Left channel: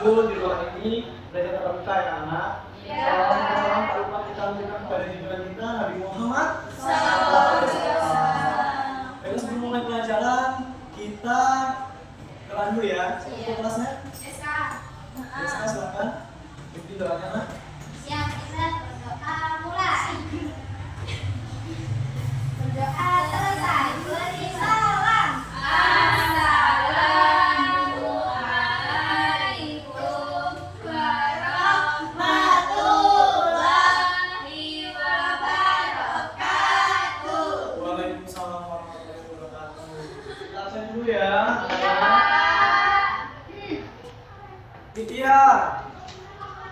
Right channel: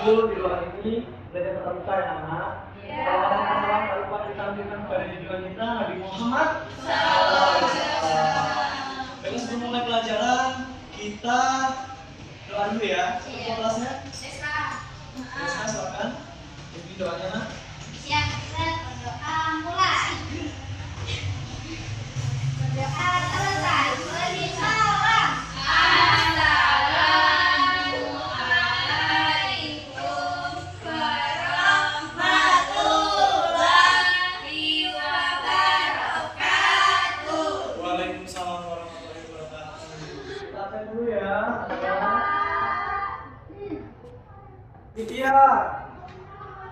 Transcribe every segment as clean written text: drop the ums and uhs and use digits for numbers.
lanjut di ruangan ini belajar tatap muka ya anak. Salam lupa kita lanjutkan pada tujuan kita Nabi Muhammad. Baik, sebelum mulai pelajaran kita doa dulu ya. Siapa kelasnya? Silakan. Silakan. Ikuti doanya nak. Siap, berdoa mulai. Berdoa selesai. Beri salam. Assalamualaikum warahmatullahi wabarakatuh. Waalaikumsalam warahmatullahi wabarakatuh. Kita absen dulu ya. Titia,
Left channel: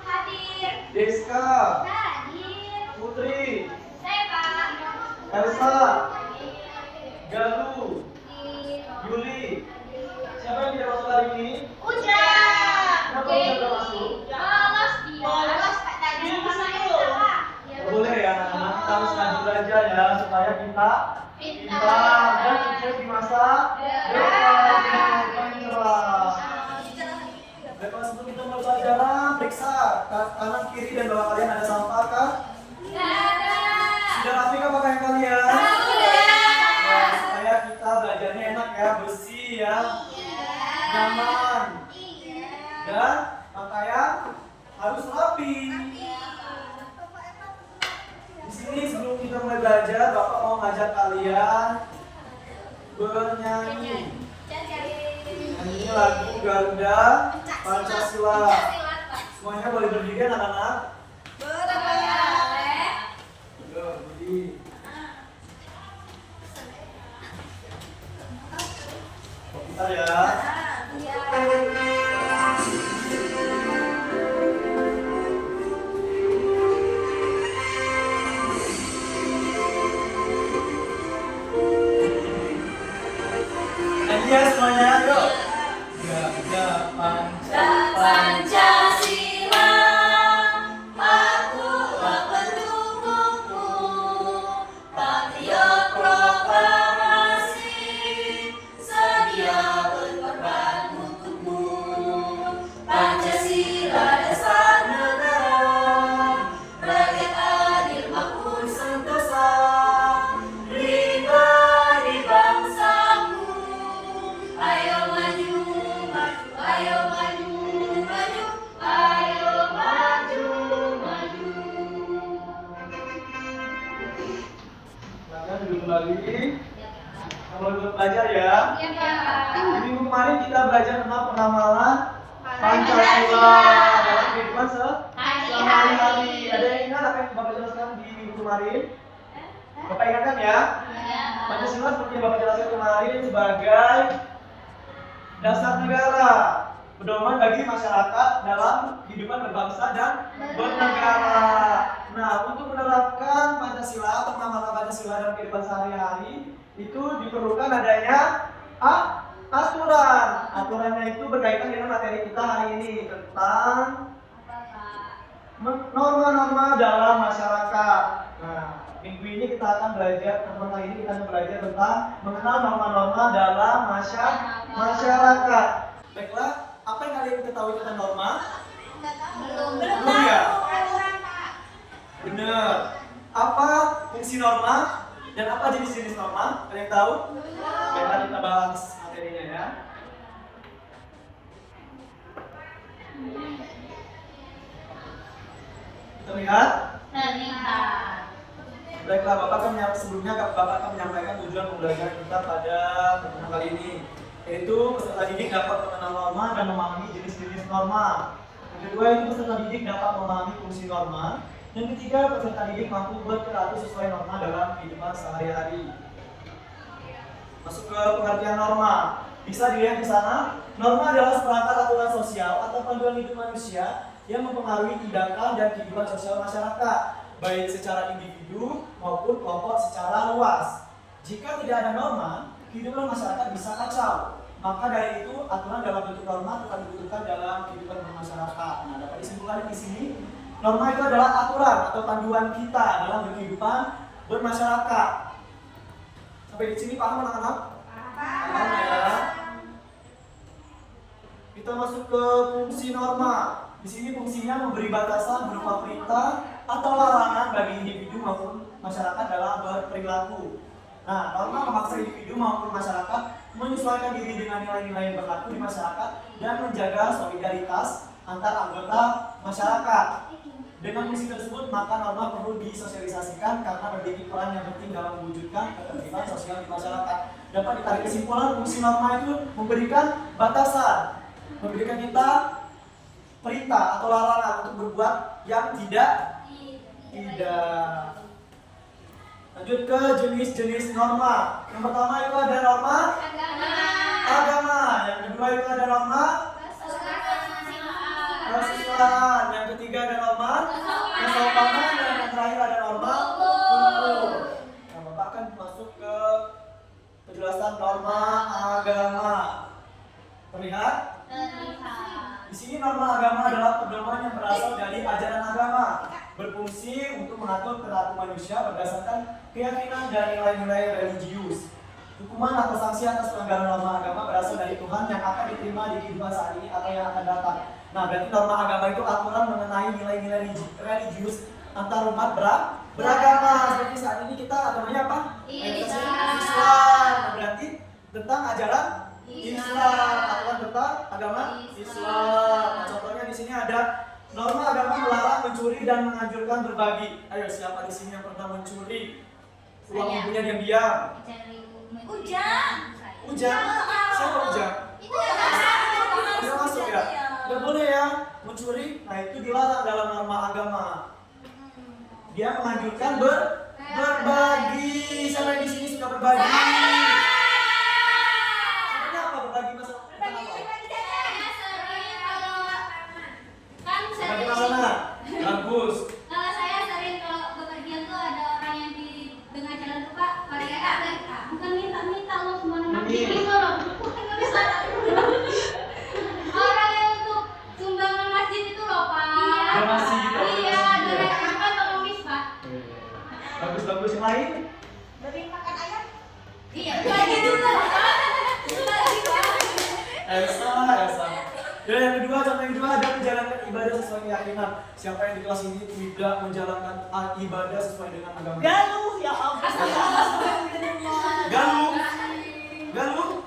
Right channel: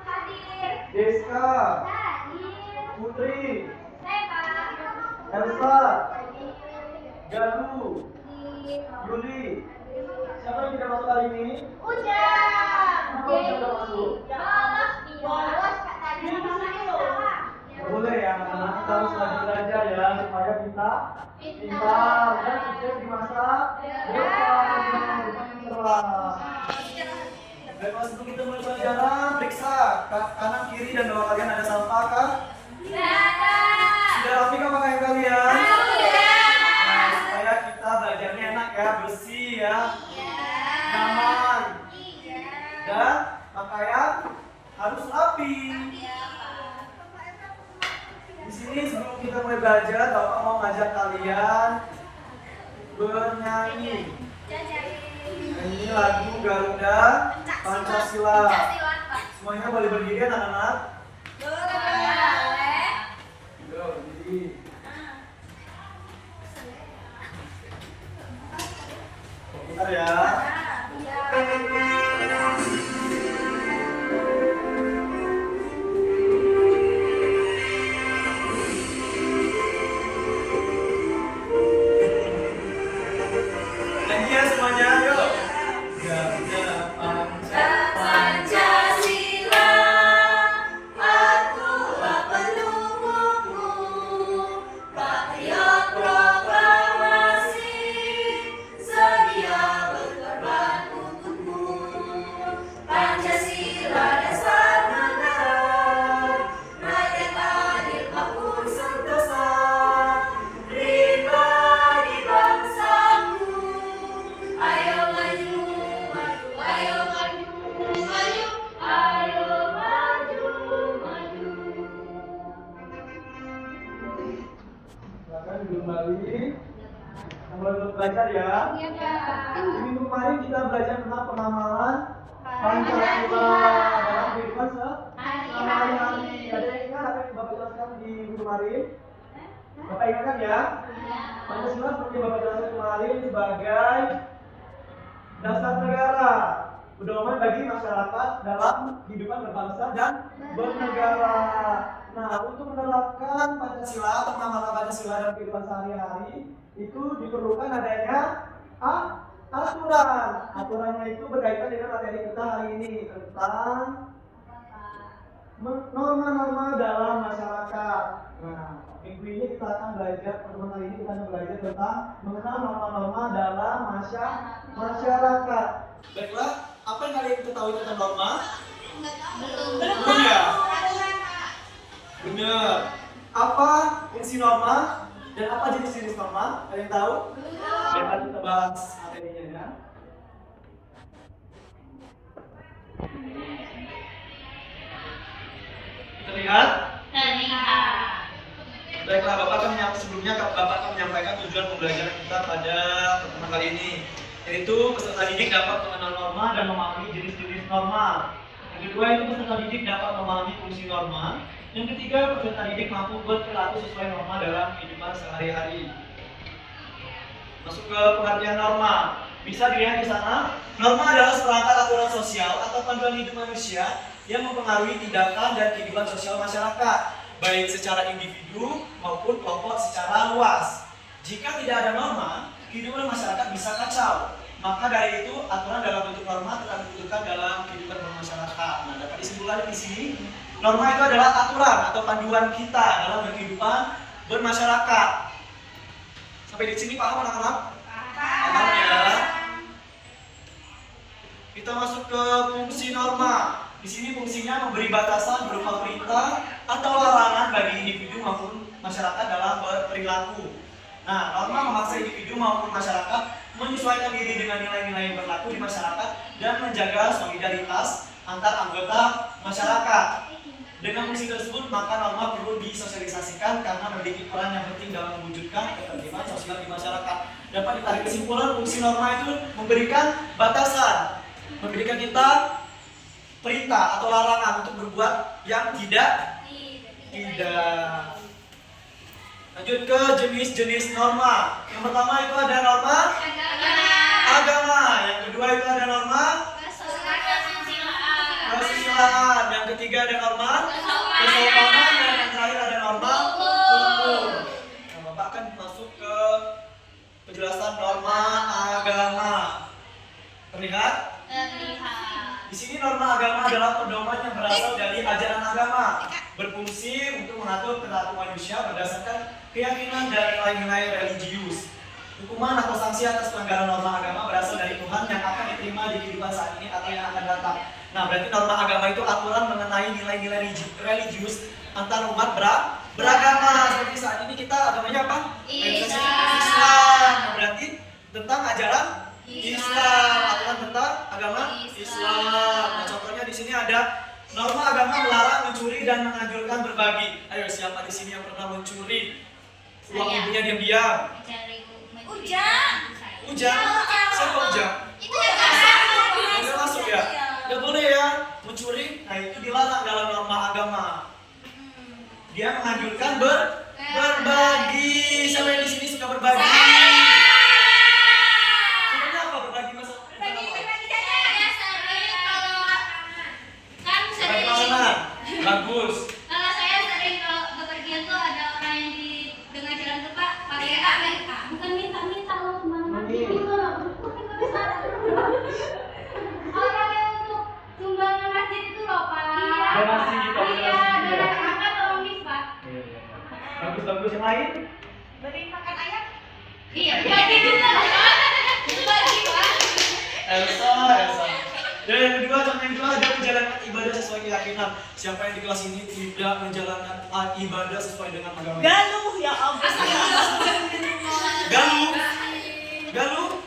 Hadir. Deska, Hadir. Putri, Saya Elsa, Hadir. Galuh, Yuli. Siapa yang tidak masuk hari ini? Ujang. Kenapa Ujang tidak masuk? Bolos dia. Bolos katanya sama yang salah. Nggak boleh ya anak-anak, kita harus rajin belajar ya supaya kita pintar dan sukses di masa depan. Baiklah, sebelum kita mulai pelajaran, periksa kanan kiri dan bawah kalian ada sampah kan? Sudah rapi kan pakaian kalian? Nah, supaya kita belajarnya enak ya, bersih ya, nyaman, dan pakaian harus rapi. Di sini sebelum kita mulai belajar, Bapak mau ngajak kalian bernyanyi. Nyanyi lagu Garuda Pancasila. Semuanya boleh berdiri anak-anak? Yo, berdiri. Bentar ya. Nyanyi ya semuanya, yuk. Garuda Pancasila, akulah pendukungmu, patriot proklamasi, sedia berkorban untukmu. Pancasila dasar negara, rakyat adil makmur sentosa, pribadi bangsamu. Ayo maju, maju, ayo maju, maju, ayo maju, maju. Silakan duduk kembali. Kita mulai belajar ya. Iya, Pak. Di minggu kemarin kita belajar tentang penamalan Pancasila dalam kehidupan sehari-hari. Ada yang ingat apa yang Bapak jelaskan di minggu kemarin? Bapak ingatkan ya? Pancasila seperti yang Bapak jelaskan kemarin sebagai dasar negara, pedoman bagi masyarakat dalam kehidupan berbangsa dan bernegara. Nah, untuk menerapkan Pancasila atau penamalan Pancasila dalam kehidupan sehari-hari itu diperlukan adanya aturan. Aturannya itu berkaitan dengan materi kita hari ini tentang norma-norma dalam masyarakat. Nah, minggu ini kita akan belajar, pertemuan kali ini kita akan belajar tentang mengenal norma-norma dalam masyarakat. Baiklah, apa yang kalian ketahui tentang norma? Belum ya? Benar. Apa fungsi norma dan apa jenis-jenis norma? Ada yang tahu? Baiklah, kita bahas materinya ya. Terlihat? Baiklah, sebelumnya Bapak akan menyampaikan tujuan pembelajaran kita pada pertemuan kali ini, yaitu peserta didik dapat mengenal norma dan memahami jenis-jenis norma. Yang kedua itu peserta didik dapat memahami fungsi norma. Yang ketiga, peserta didik mampu berperilaku sesuai norma dalam kehidupan sehari-hari. Masuk ke pengertian norma. Bisa dilihat di sana, norma adalah seperangkat aturan sosial atau panduan hidup manusia yang mempengaruhi tindakan dan kehidupan sosial masyarakat, baik secara individu maupun kelompok secara luas. Jika tidak ada norma, kehidupan masyarakat bisa kacau. Maka dari itu, aturan dalam bentuk norma tetap dibutuhkan dalam kehidupan bermasyarakat. Nah, dapat disimpulkan di sini, norma itu adalah aturan atau panduan kita dalam kehidupan bermasyarakat. Sampai di sini paham anak-anak? Paham ya? Kita masuk ke fungsi norma. Di sini fungsinya memberi batasan berupa perintah atau larangan bagi individu maupun masyarakat dalam berperilaku. Nah, norma memaksa individu maupun masyarakat menyesuaikan diri dengan nilai-nilai yang berlaku di masyarakat dan menjaga solidaritas antar anggota masyarakat. Dengan fungsi tersebut, maka norma perlu disosialisasikan karena memiliki peran yang penting dalam mewujudkan ketertiban sosial di masyarakat. Dapat ditarik kesimpulan, fungsi norma itu memberikan batasan, memberikan kita perintah atau larangan untuk berbuat yang tidak. Lanjut ke jenis-jenis norma. Yang pertama itu ada norma agama. Yang kedua itu ada norma kesusilaan. Yang ketiga ada norma kesopanan. Dan yang terakhir ada norma hukum. Nah, Bapak akan masuk ke penjelasan norma agama. Terlihat? Di sini norma agama adalah pedoman yang berasal dari ajaran agama, berfungsi untuk mengatur perilaku manusia berdasarkan keyakinan dan nilai-nilai religius. Hukuman atau sanksi atas pelanggaran norma agama berasal dari Tuhan yang akan diterima di kehidupan saat ini atau yang akan datang. Nah, berarti norma agama itu aturan mengenai nilai-nilai religius antar umat beragama. Seperti saat ini kita agamanya apa? Islam. Berarti tentang ajaran Islam, aturan tentang agama Islam. Nah, contohnya di sini ada norma agama melarang mencuri dan menganjurkan berbagi. Ayo, siapa di sini yang pernah mencuri uang ibunya diam-diam? Ujang. Siapa Ujang? Itu yang Udah masuk ya? Gak boleh ya mencuri. Nah, itu dilarang dalam norma agama. Dia menganjurkan berbagi. Siapa yang di sini suka berbagi? Bagus. Kalau saya sering kalau bepergian tuh ada orang yang di tengah jalan tuh Pak pakai bukan minta loh sembarangan gitu loh. Bukan bisa. Orang yang untuk sumbangan masjid itu loh Pak. Donasi gitu. Iya, donasi apa tolong mis Pak. Bagus yang lain? Beri makan ayam. Iya, bagi dulu. Itu bagi Pak. Elsa. Dan yang kedua, contoh yang kedua ada menjalankan ibadah sesuai keyakinan. Siapa yang di kelas ini tidak menjalankan ibadah sesuai dengan agama? Galuh ya ampun. Galuh?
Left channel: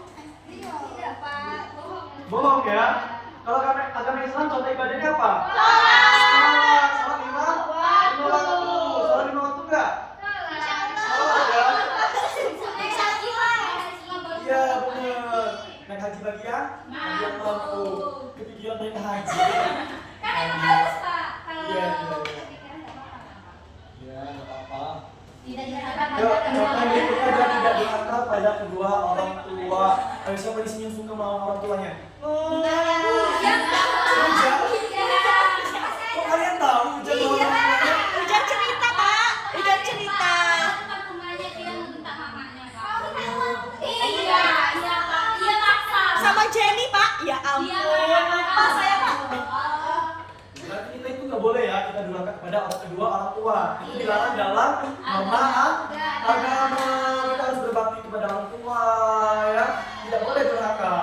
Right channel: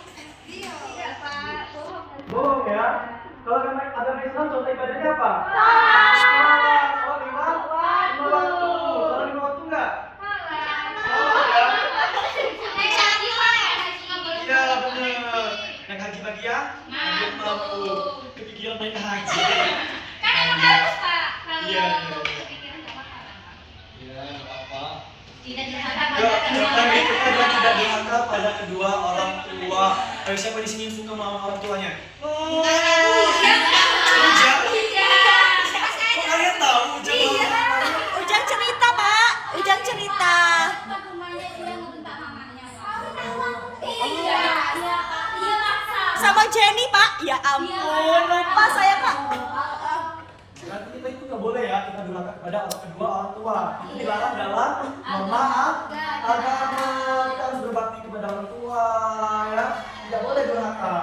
Iya Pak. Bohong ya. Kalau agama Islam contoh ibadahnya apa? Salat lima waktu. Salat lima waktu enggak? Salat ya. Iya benar. Naik haji bagi yang mampu. Kepikiran naik haji. Kan harus Pak. Iya. Kepikiran enggak apa-apa. Ya, enggak apa-apa. Tidak dirasa Contoh berikutnya adalah tidak durhaka pada kedua orang tua. Ayo, siapa di sini suka melawan orang tuanya? Ujang. Kok kalian tahu Ujang melawan orang tuanya? Ujang cerita, Pak. Ujang cerita. Sama Jenny, Pak. Ya ampun. Lupa saya, Pak. Berarti kita itu nggak boleh ya kita durhaka kepada kedua orang tua. Itu dilarang dalam norma agama. Kita harus berbakti kepada orang tua ya. Tidak boleh durhaka.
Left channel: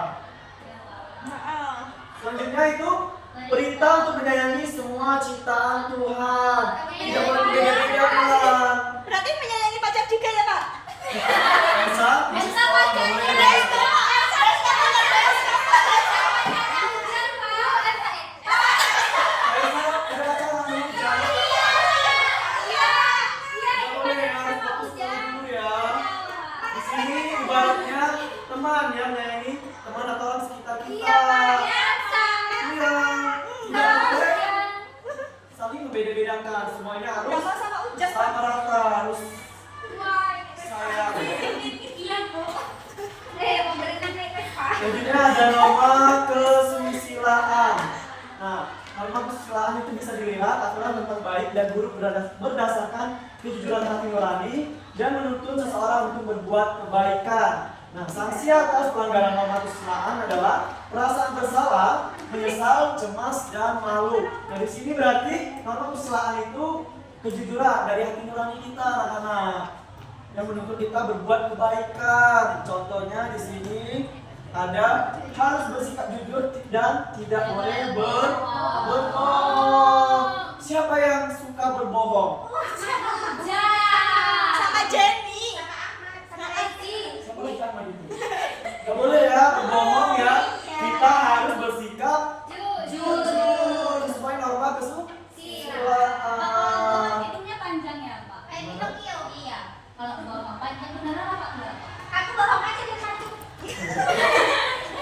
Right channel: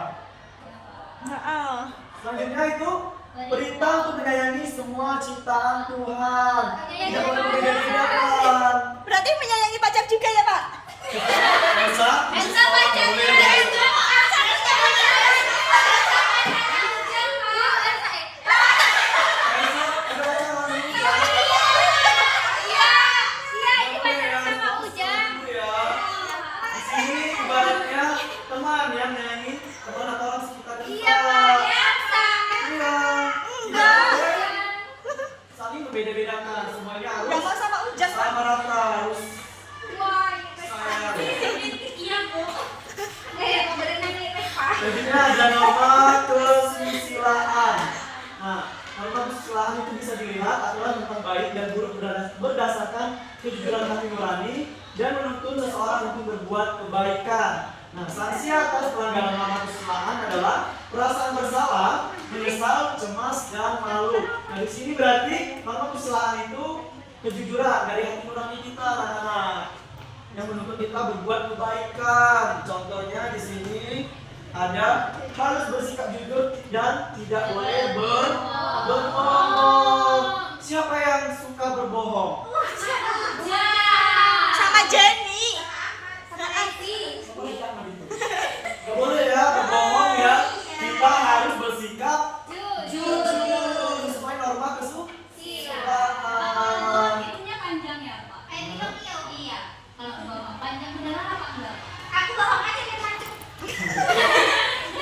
Selanjutnya itu perintah untuk menyayangi semua ciptaan Tuhan. Tidak boleh membeda-bedakan. Berarti menyayangi pacar juga ya, Pak? Elsa pacar boleh. juga. Beda-bedakan semuanya harus Yang sama Ujang, Pak. sama rata, harus sayang. Selanjutnya ada norma kesusilaan. Nah, norma kesusilaan itu bisa dilihat aturan tentang baik dan buruk berdasarkan kejujuran hati nurani dan menuntun seseorang untuk berbuat kebaikan. Nah, sanksi atas pelanggaran norma kesusilaan adalah perasaan bersalah, menyesal, cemas, dan malu. Nah, di sini berarti norma kesusilaan itu kejujuran dari hati nurani kita, anak-anak, yang menuntut kita berbuat kebaikan. Contohnya di sini ada harus bersikap jujur dan tidak boleh berbohong. Siapa yang suka berbohong? Sama Jenny. Gak boleh ya berbohong ya. Kita harus bersikap jujur sesuai norma kesusilaan. Hitungnya panjang ya, Pak? Iya. Kalau bohong panjang beneran apa enggak? Aku bohong aja biar maju.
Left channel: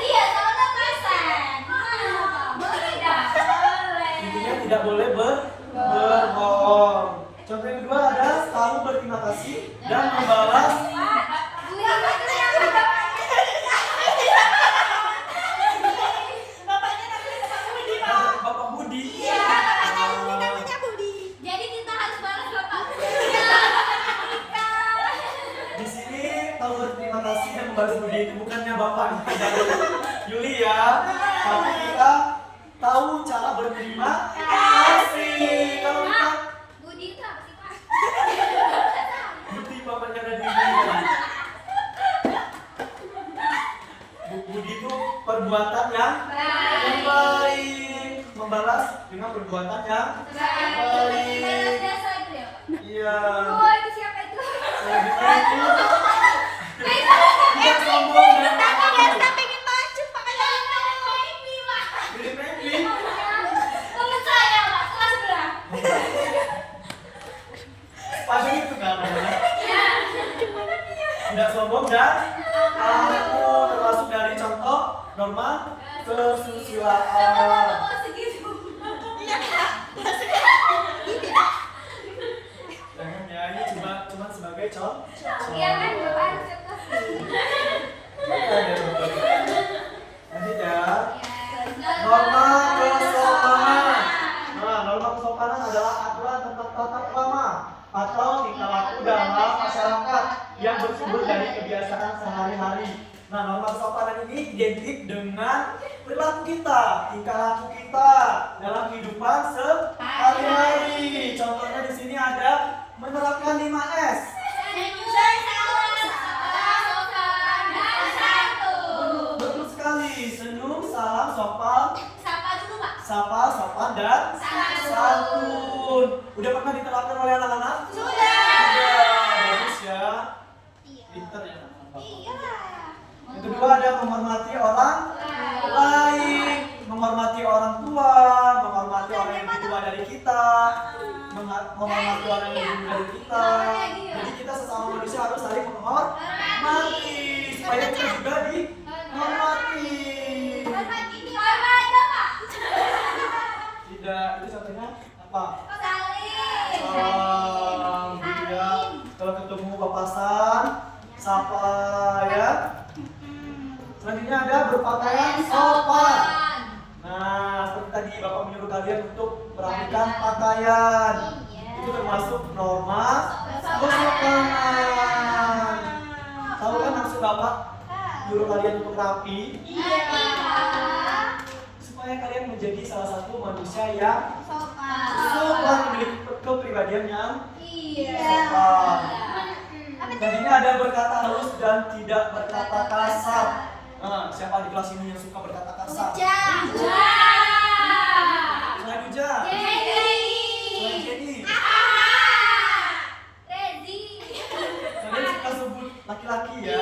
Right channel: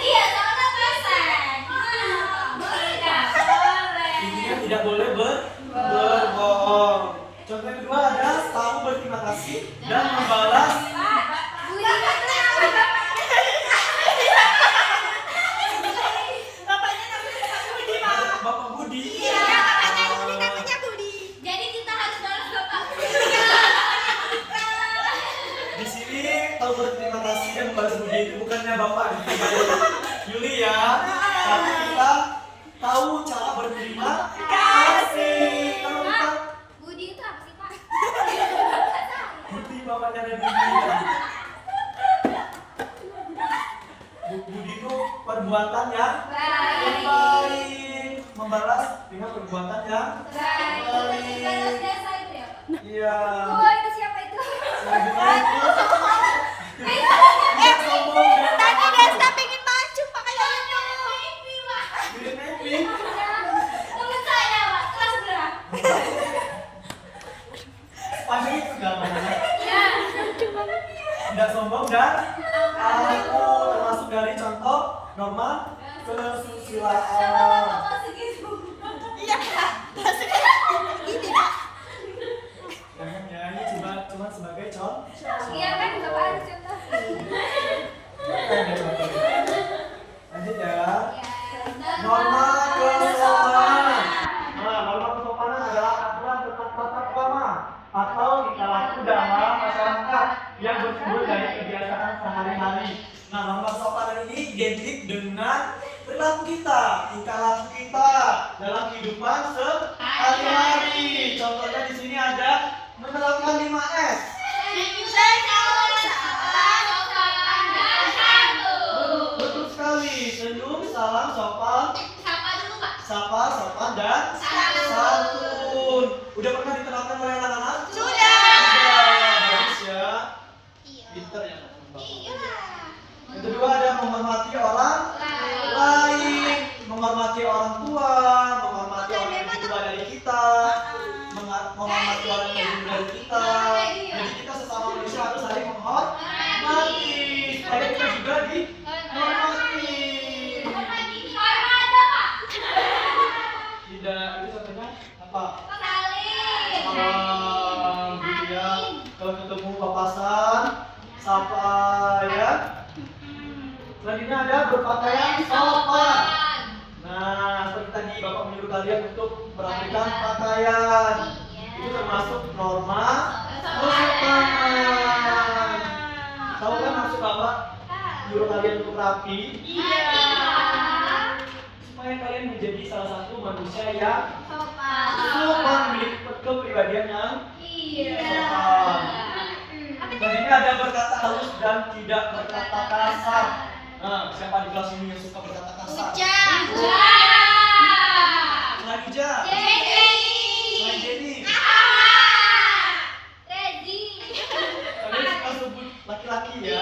Iya, soalnya persen. Gimana, Pak? Tidak boleh. Intinya tidak boleh berbohong. Contoh yang kedua ada selalu berterima kasih dan membalas. Bapaknya namanya Pak Budi, Pak. Bapak Budi. Iya, bapaknya Budi namanya Budi. Jadi kita harus balas nggak, Pak? Di sini tahu berterima kasih dan membalas budi itu bukannya Bapak Yuli ya, tapi kita tahu cara berterima kasih. Kalau kita Budi itu apa sih, Pak? Budi bapaknya Radini. Budi itu perbuatan yang baik, membalas dengan perbuatan yang baik. Balas jasa itu ya, Pak? Iya. Oh, itu siapa itu? Selanjutnya itu tidak sombong dan Tadi malu. dia pengen maju, makanya Pilih Melvin. Temen saya, Pak. Kelas berapa? Pasti itu namanya. Tidak sombong dan aku termasuk dari contoh norma kesusilaan. iya. Ini Pak. Jangan ya, ini cuma sebagai contoh. Iya kan, Bapak harus contoh. Lanjut ya. Norma kesopanan. Nah, norma kesopanan adalah aturan tentang tata krama atau tingkah laku dalam masyarakat yang bersumber dari kebiasaan sehari-hari. Nah, norma kesopanan ini identik dengan perilaku kita, tingkah laku kita dalam kehidupan sehari-hari. Contohnya di sini ada menerapkan 5S. Betul sekali. Senyum, salam, sopan, sapa, sopan, dan santun. Udah pernah diterapkan oleh anak-anak? Sudah. Bagus ya. Pinter ya. Yang kedua ada menghormati orang lain, menghormati orang tua, menghormati orang yang lebih tua dari kita, menghormati orang yang lebih muda dari kita. Jadi kita sesama manusia harus saling menghormati. Supaya kita juga dihormati. Tidak, itu contohnya apa? Gitu ya. Kalau ketemu papasan, sapa ya. Selanjutnya ada berpakaian sopan. Nah, seperti tadi Bapak menyuruh kalian untuk merapikan pakaian. Itu termasuk norma kesopanan. Tahu kan maksud Bapak menyuruh kalian untuk rapi? Supaya kalian menjadi salah satu manusia yang sopan, memiliki kepribadian yang sopan. Selanjutnya ada berkata halus dan tidak berkata kasar. Nah, siapa di kelas ini yang suka berkata kasar? Selain Uja, selain Jenny, kalian suka sebut laki-laki ya?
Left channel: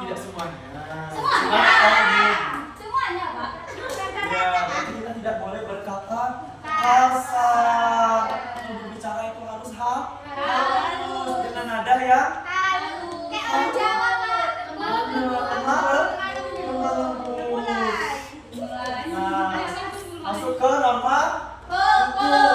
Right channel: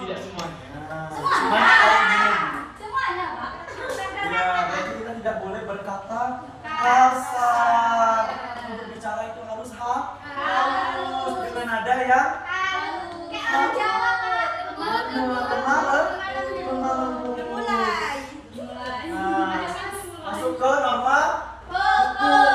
Tidak semuanya. Cuma Semuanya, Pak. ya, berarti kita tidak boleh berkata kasar. Untuk bicara itu harus halus dengan nada yang lembut. Nah, masuk ke norma hukum.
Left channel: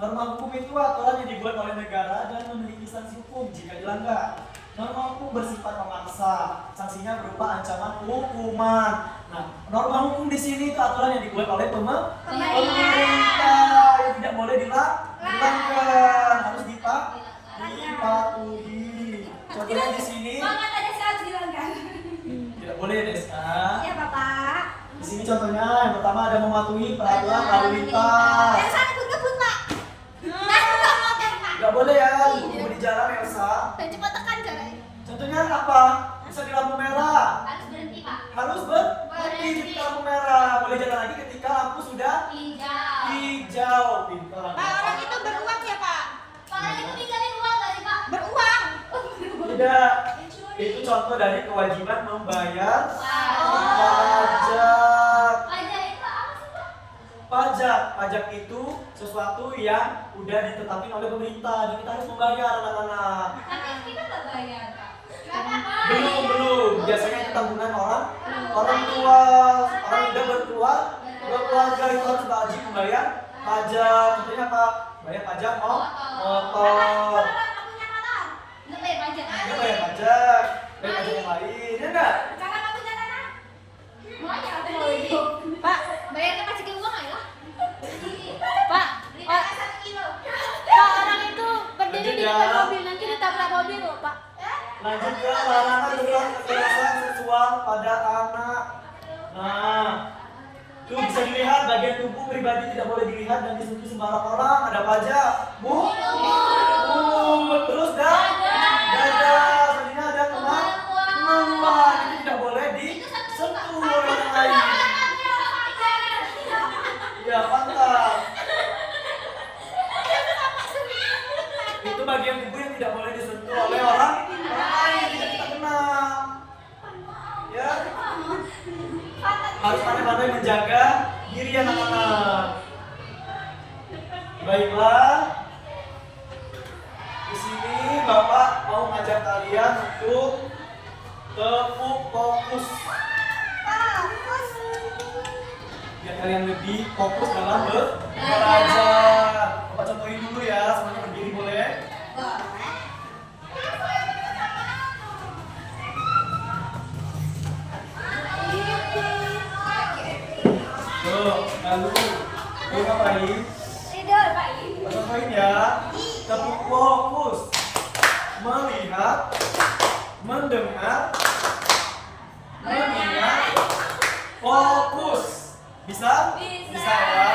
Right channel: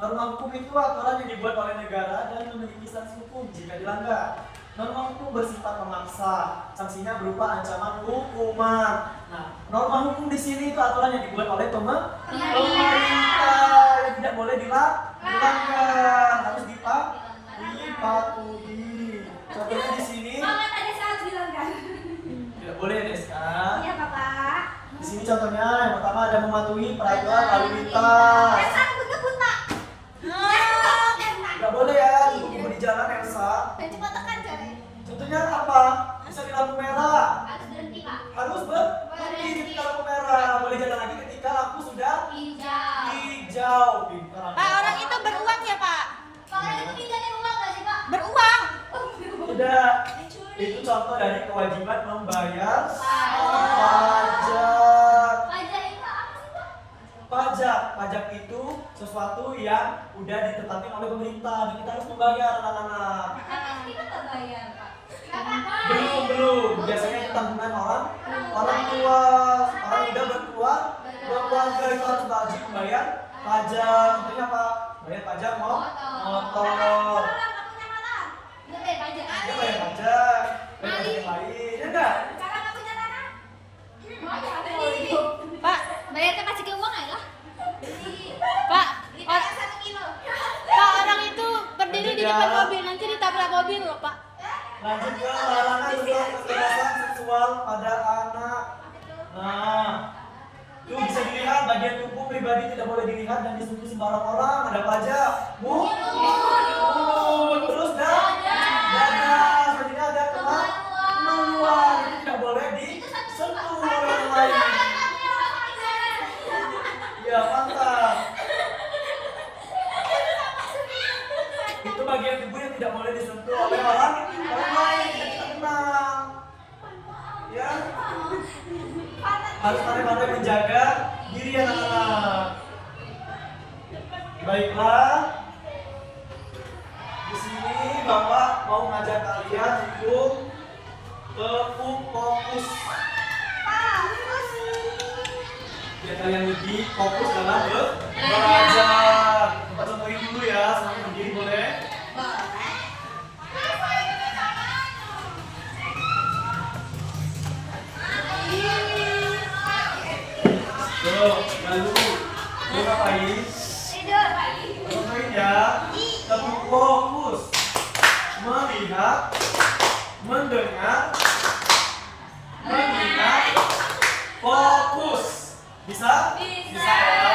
Norma hukum itu aturan yang dibuat oleh negara dan memiliki sanksi hukum jika dilanggar. Norma hukum bersifat memaksa, sanksinya berupa ancaman hukuman. Nah, norma hukum di sini itu aturan yang dibuat oleh pemerintah yang tidak boleh dilanggar, harus dipatuhi. Contohnya di sini tidak boleh Deska. Di sini contohnya yang pertama ada mematuhi peraturan lalu lintas. Gak boleh ya, di jalan Elsa Selanjutnya apa? Bisa di lampu merah. Harus berhenti, Pak. Harus berhenti ketika lampu merah. Boleh jalan lagi ketika lampu sudah Hijau. hijau. Pintar. Pak, orang itu beruang ya, Pak? Orang itu tinggalin uang nggak sih, Pak? Beruang. Tidak. Itu contoh dari kewajiban membayar pajak. Pajak itu apa sih, Pak? Pajak itu sesuatu yang udah ditetapkan oleh pemerintah. Jadi kita harus membayar anak-anak. Tapi kita nggak bayar, Pak. Belum. Biasanya itu tanggungan orang tua. Orang udah berkeluarga itu harus wajib membayar pajak. Contohnya apa? Bayar pajak motor. Nggak bayar pajak. Ya bayar pajak yang lain. Ya enggak? Pak, Bayar ke pajak uang aja lah. Pak, Beli or- tanah 1 kilo. Pak, orang itu berdiri di depan Ya. mobil, nanti ditabrak mobil loh, Pak. Lanjut ke larangan berbuat kekerasan seksual pada anak. Nah, itu bisa dilihat bagian tubuh pribadi tidak boleh dilihat dan disentuh sembarang orang. Ada apa aja? Mulut, terus dada. Selanjutnya ada kemaluan. Itu tidak boleh disentuh orang lain. Ya, mantap. Itu bagian tubuh yang tidak boleh disentuh oleh orang lain yang kita kenal. Ya, harus pandai-pandai menjaga diri anak-anak. Baiklah, di sini Bapak mau ngajak kalian untuk fokus. Biar kalian lebih fokus dalam belajar. Bapak contohin dulu ya, semuanya berdiri boleh? Lalu kita ngapain? Tidur, Pak. Ngapain ya? Tetap fokus. Melihat, mendengar, mengingat, fokus. Bisa? Bisa. Ya.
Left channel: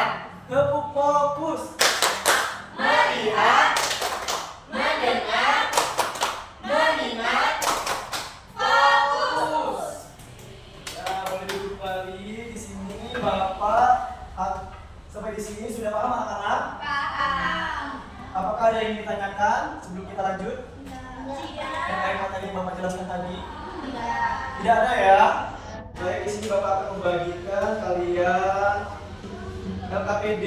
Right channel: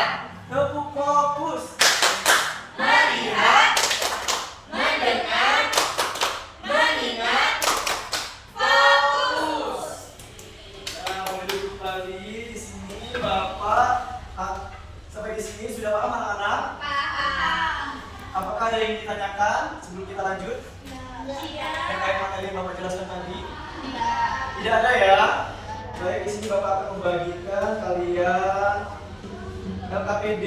Tepuk fokus. Melihat, mendengar, mengingat, fokus. Ya, boleh duduk kembali di sini, Bapak. Sampai di sini sudah paham anak-anak? Apakah ada yang ditanyakan sebelum kita lanjut? Terkait materi yang Bapak jelaskan tadi? Tidak ada ya? Baik, di sini Bapak akan membagikan kalian LKPD.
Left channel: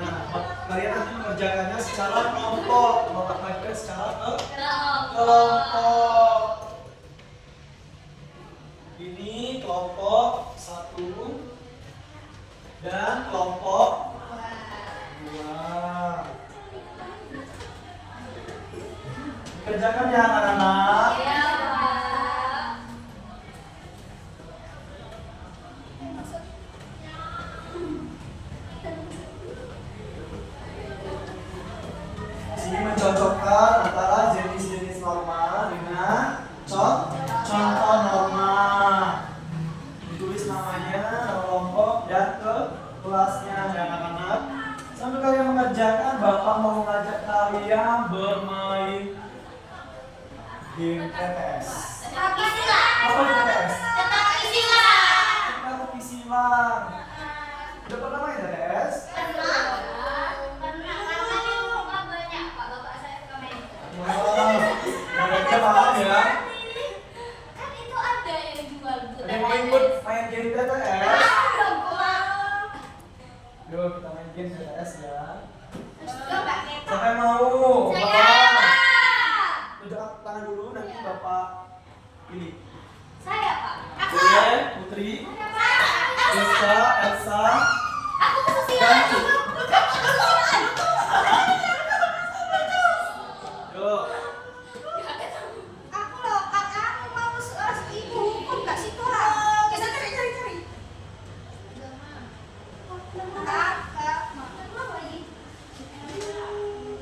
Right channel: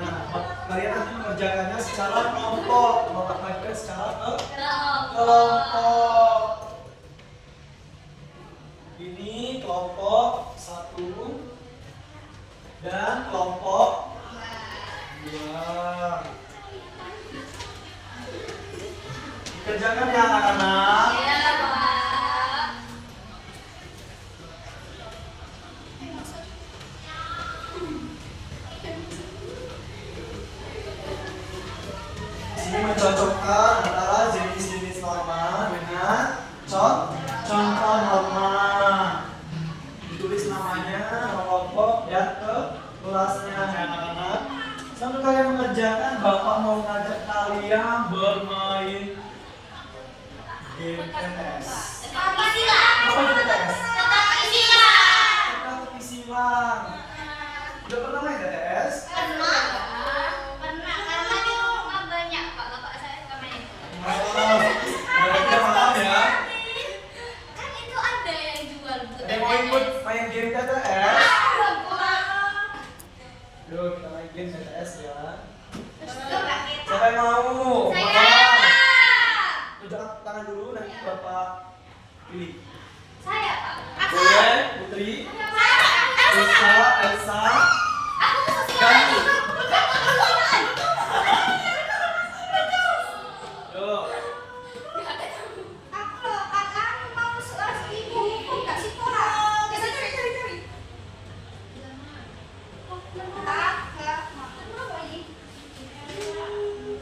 Nah, kalian nanti mengerjakannya secara kelompok. Bapak bagikan secara kelompok. Ini kelompok 1 dan kelompok 2. Dikerjakan ya anak-anak. Iya, Pak. Di sini mencocokkan antara jenis-jenis norma dengan contoh norma. Ditulis namanya, nama kelompok, dan ke kelasnya ya anak-anak. Sambil kalian mengerjakan, Bapak mau mengajak kalian bermain game TTS. Apa sih, Pak? Apa itu TTS? Teka-teki silang. Teka-teki silang. Udah pernah main TTS? Pernah. Karena di rumah banyak, Pak. Bapak saya suka main. Udah paham ya? Kan itu ada yang jual. Ada yang mau ikut main game TTS? Yuk kita main game TTS ya. Siapa yang mau? Saya, Pak. Udah tangan dulu nanti Bapak pilih. Saya, Pak. Boleh, Putri, Rizka, Elsa, Aku tuh dan sosial. yuk. Aku loh, kakak mau soal ibu, kok nggak situ lah? Kita cari. Kakak, apa lagi?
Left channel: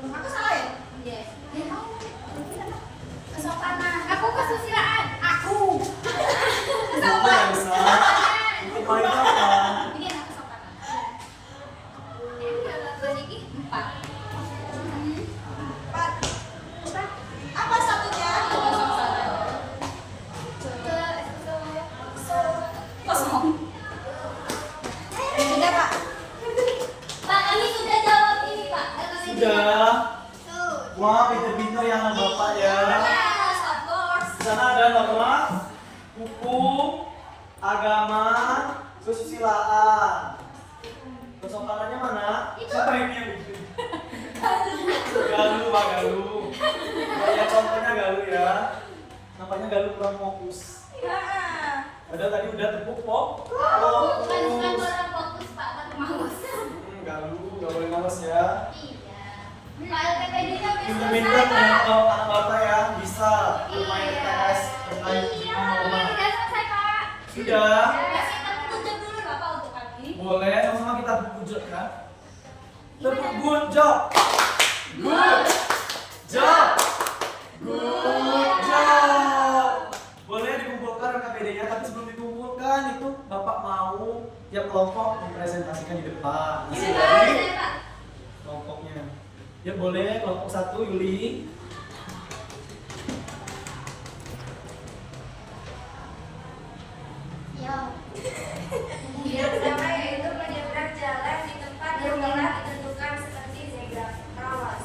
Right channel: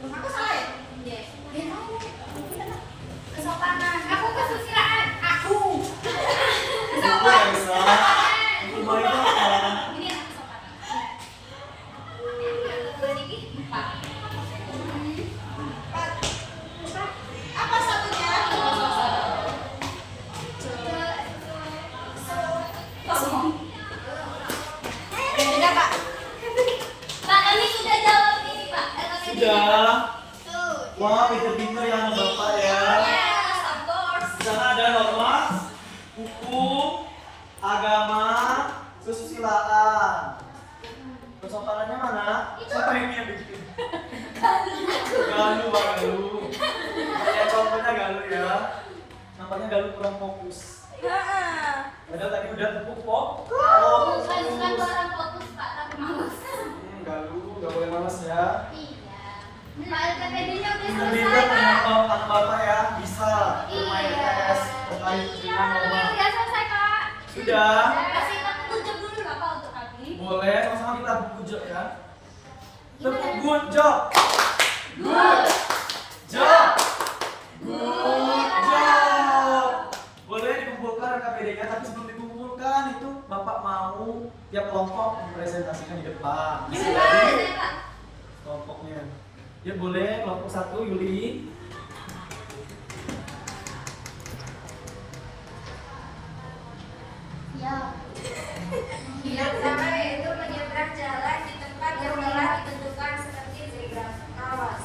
Aku salah ya? Yes. Kesopanan. Aku kesusilaan. Aku. Ikut Elsa. Ikut mainnya apa? Ini anak kesopanan. ada norma, hukum, agama, kesusilaan. Kesopanannya mana? Siapa yang bikin? Galuh, Pak Galuh. Banyak contohnya Galuh ya. Nampaknya Galuh kurang fokus. Iya. Padahal tadi udah tepuk pok. Bukan orang fokus Pak, tapi males. Galuh, nggak boleh males ya. Iya. Nah, PPD-nya udah Pinter-pinter selesai Pak. anak bapak ya bisa bermain PS bermain Iya, dengan rumah. udah selesai Pak. Sudah. Kasih kita tunjuk dulu nggak Pak untuk kaki? Boleh, sama-sama kita berkunjung ya. Tepuk good job. Good job. Good job. Boleh dikumpulkan KPD-nya, tapi sebelum dikumpulkan itu Bapak mau tiap kelompok mempresentasikan di depan. Isi dari kelompoknya. Ya boleh, kelompok 1 Yuli. Yang pertama yaitu menyeberang jalan di tempat yang telah ditentukan seperti zebra cross.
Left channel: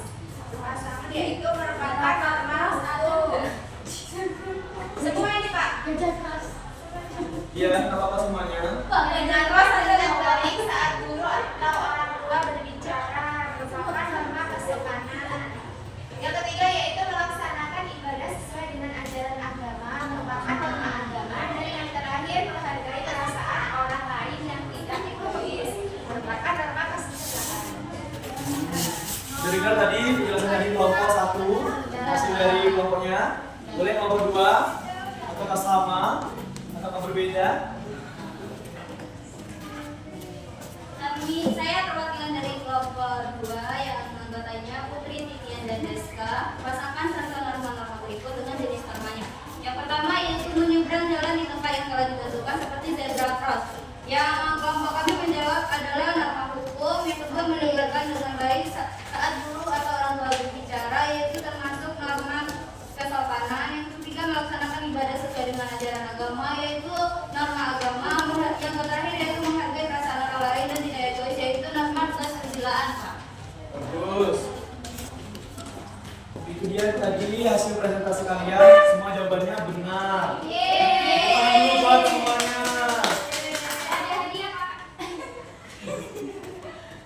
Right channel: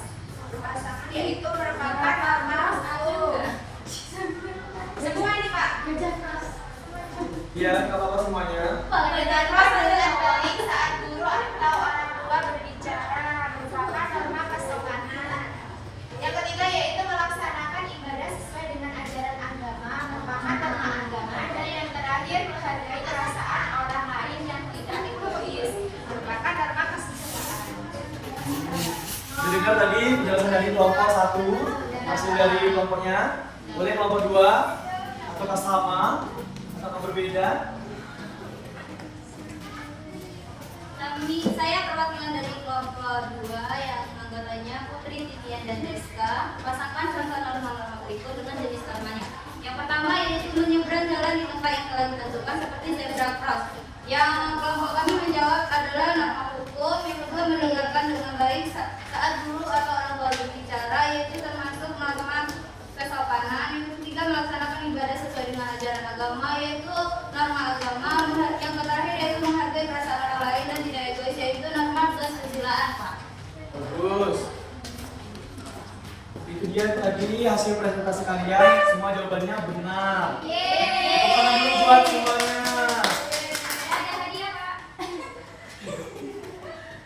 Pasangan yaitu merupakan norma hukum. Semua ini Pak. Ya, nggak apa-apa semuanya. Menyeberang cross adalah baik saat guru atau orang tua berbicara, merupakan norma kesopanan. Yang ketiga yaitu melaksanakan ibadah sesuai dengan ajaran agama, merupakan norma agama. Dan yang terakhir menghargai perasaan orang lain yang tidak egois, merupakan norma kesusilaan. Dengar tadi penjelasan dari kelompok 1, hasil dari kelompoknya. Boleh kelompok 2, apakah sama atau berbeda? Saya perwakilan dari kelompok 2 yang anggotanya Putri, Titian, dan Deska. Pasangkan serta norma-norma berikut dengan jenis normanya. Yang pertama yaitu menyeberang jalan di tempat yang telah ditentukan seperti zebra cross. Yang kelompok kami menjawab adalah norma hukum. Yang kedua mendengarkan dengan baik saat guru atau orang tua berbicara, yaitu termasuk norma kesopanan. Yang ketiga melaksanakan ibadah sesuai dengan ajaran agama, yaitu norma agama. Yang terakhir yaitu menghargai perasaan orang lain dan tidak egois, yaitu norma kesusilaan Pak. Bagus. Itu dia tadi hasil presentasi kalian. Semua jawabannya benar. Tangan dulu buat semuanya. Ada hadiah Pak.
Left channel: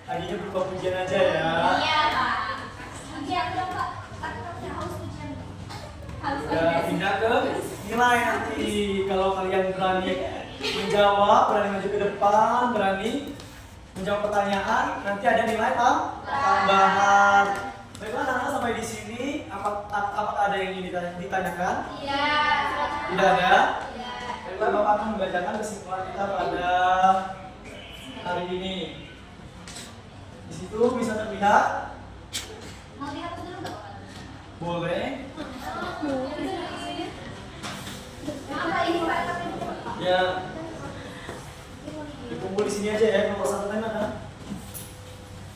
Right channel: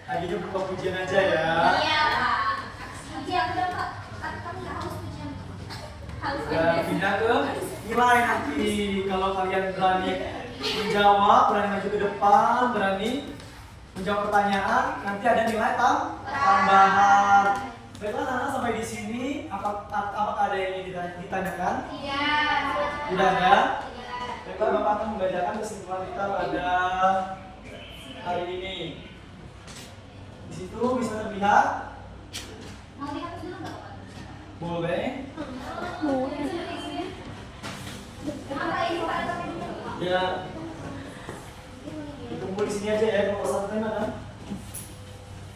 Hadiahnya berupa pujian aja ya. Iya Pak. Iya udah Pak. Tapi harus ujian. Harus Udah pindah ke nilai nanti. Kalau kalian berani menjawab, berani maju ke depan, berani menjawab pertanyaan, nanti ada nilai tambahan. Baiklah, anak-anak sampai di sini. Apakah ada yang ingin ditanyakan? Iya. Tidak ada. Iya. Baiklah, Bapak akan membacakan kesimpulan kita pada hari ini. Di situ bisa terlihat. Mau dihapus dulu nggak Pak? Boleh. Apa ini Pak? Ya. Dikumpul di sini aja ya. Kalau satu tanya ada.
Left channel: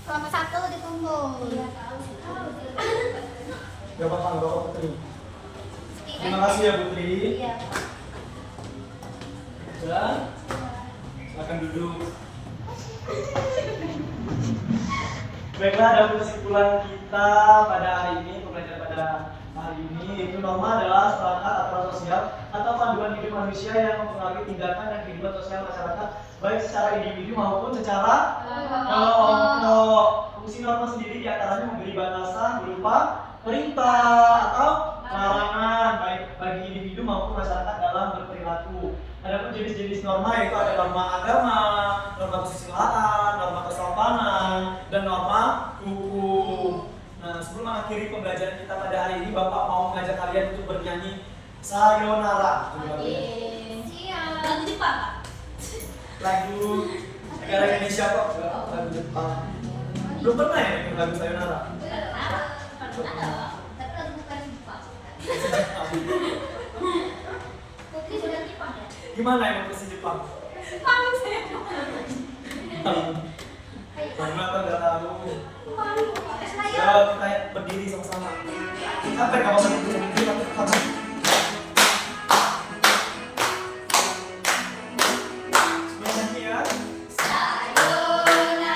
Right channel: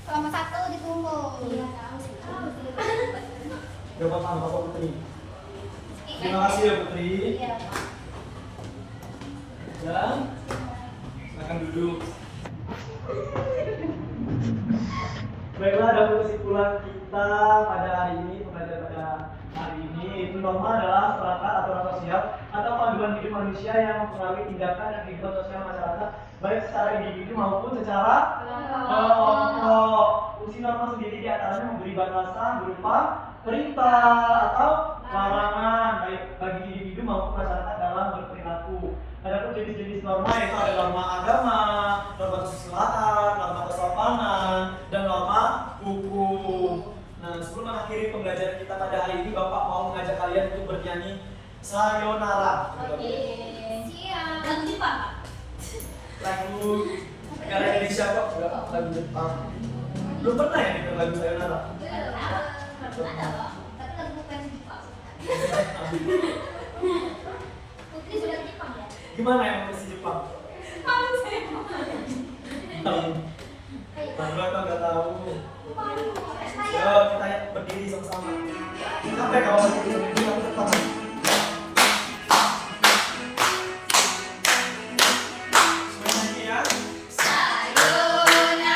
Kelompok 1 dikumpul. Iya tahu sih. Bapak Bapak Putri. Terima kasih ya Putri. Iya Pak. Dan silakan duduk. Baiklah, ada kesimpulan kita pada hari ini, pembelajaran pada hari ini, itu norma adalah perangkat aturan sosial atau panduan hidup manusia yang mempengaruhi tindakan dan kehidupan sosial masyarakat, baik secara individu maupun secara kelompok. Fungsi norma sendiri diantaranya memberi batasan berupa perintah atau larangan baik bagi individu maupun masyarakat dalam berperilaku. Adapun jenis-jenis norma yaitu ada norma agama, norma kesusilaan, norma kesopanan, dan norma hukum. Nah, sebelum mengakhiri pembelajaran kita pada hari ini, Bapak mau mengajak kalian untuk bernyanyi Sayonara. Coba. Siap. Lagu Jepang Pak. Lagu negara Indonesia kok, lagu Jepang. Belum pernah ya dengar lagu Sayonara? Ada. Tapi lagu bukan Jepang. Putri sudah Jepang ya? Gimana emang versi Jepang? Jepang saya. Bangga atau nggak tahu? Saya. Ya, kita berdiri sama-sama. Sampai kapan berdiri sama-sama? Semuanya ya. Sayonara,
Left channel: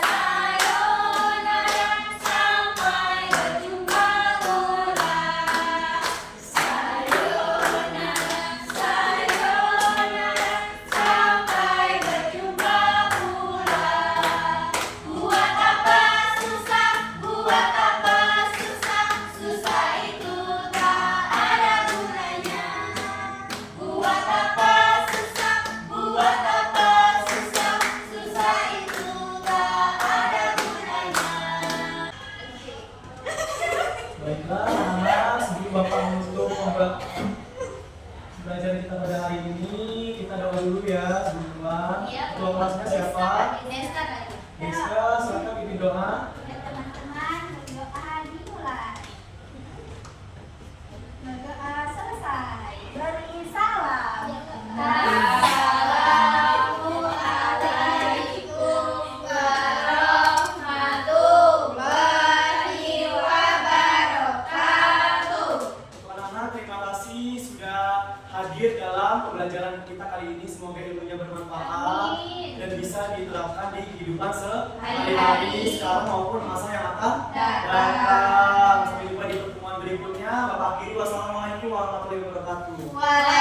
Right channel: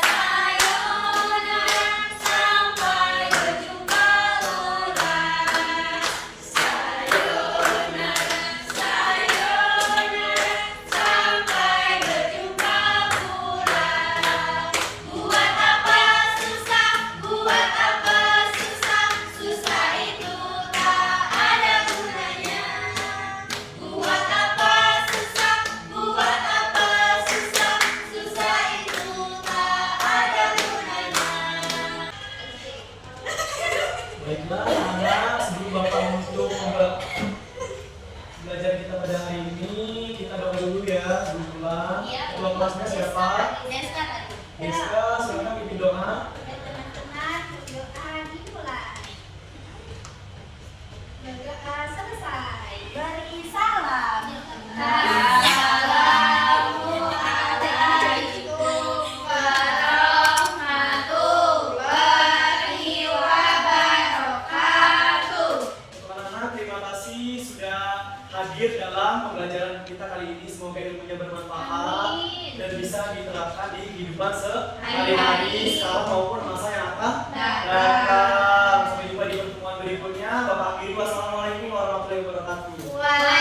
sayonara, sampai berjumpa lura. Sayonara, pada hari ini kita doa dulu ya, teman-teman. Iya, Doa kelasnya siapa? Deska tadi. Deska, silakan pimpin doa. Ya teman-teman, berdoa dimulai. Berdoa selesai. Beri salam. Assalamualaikum warahmatullahi wabarakatuh. Anak-anak, terima kasih sudah hadir dalam pembelajaran kita kali ini. Semoga ilmunya bermanfaat dan bisa diterapkan di kehidupan sehari-hari sekarang maupun masa yang akan datang. Sampai jumpa di pertemuan berikutnya. Bapak akhiri, wassalamualaikum warahmatullahi wabarakatuh. Waalaikumsalam.